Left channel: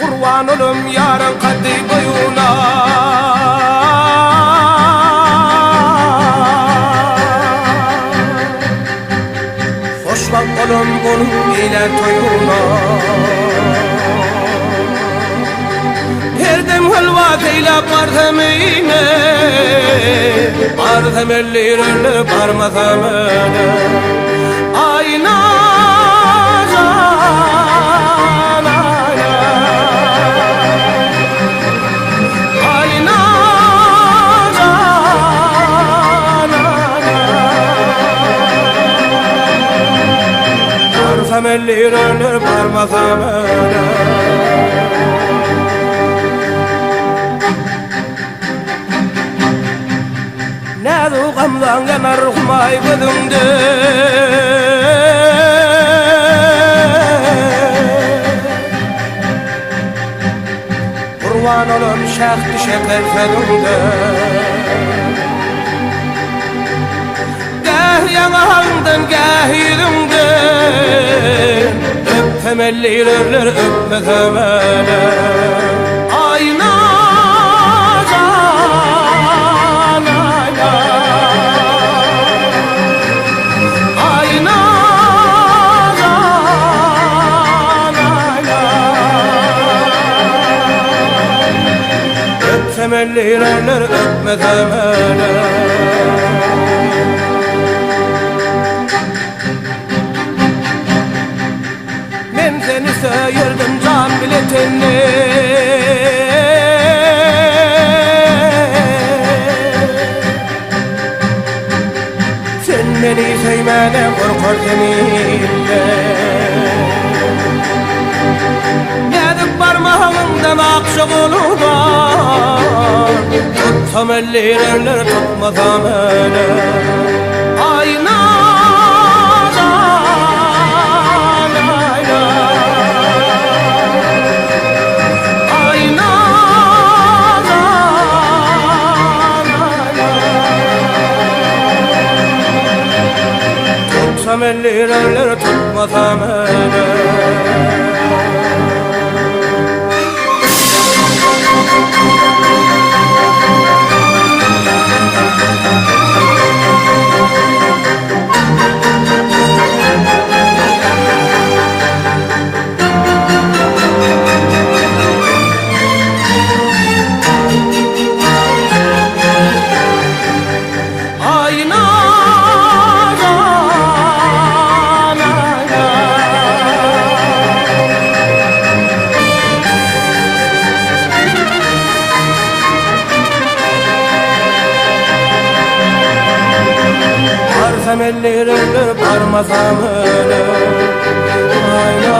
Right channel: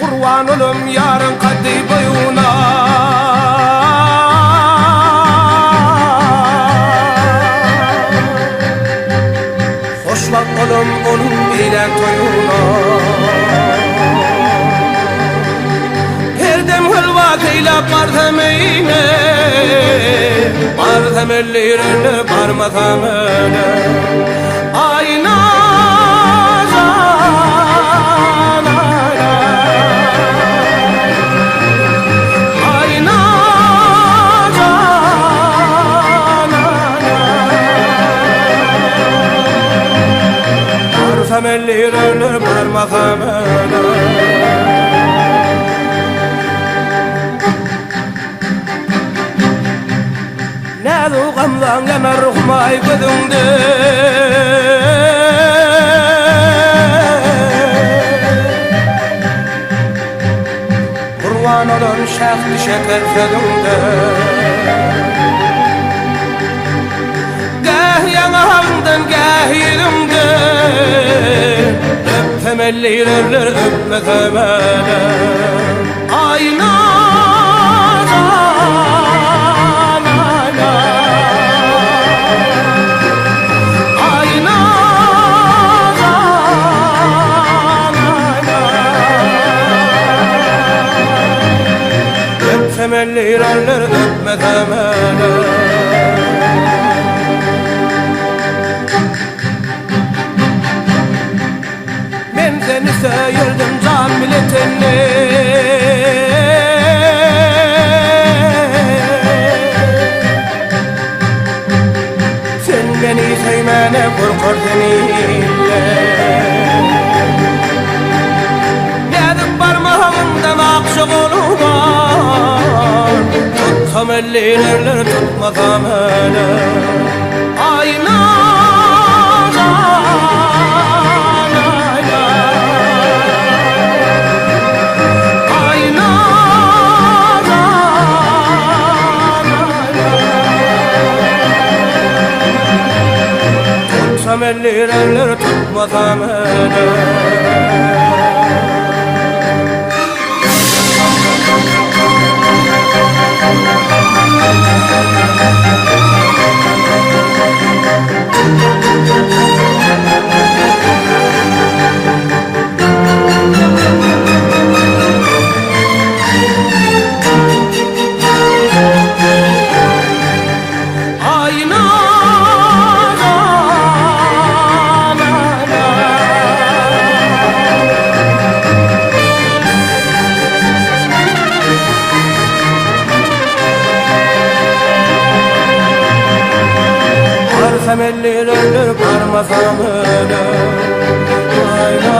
Kurban olum yarın kaddi boyuna. Hoşbak olum onun ile toyuna. Her dem hılvatıyla bartemine, bartemellilerle barmatamene. Ayna can ayna, ayna can ayna. Bartemellilerle barmatamene. Nadu gamdan yanar humay gözünde. Kurban olum şahtı şeker sözünde. Gah yanağından gah yüzünden, öptemellilerler öpmetemele. Ayna can ayna, ayna can ayna. Öptemellilerler öpmetemele. Men seni söyledim can milletini. Sen beni sevmene korkurdun ille. Nedik parmağından akşak oludan, tutsam ellilerler tutmasam öyle. Ayna can ayna, ayna can ayna. Tutsam ellilerler tutmasam öyle. Ayna can ayna, barsam ellilerler barmasam öyle. Ayna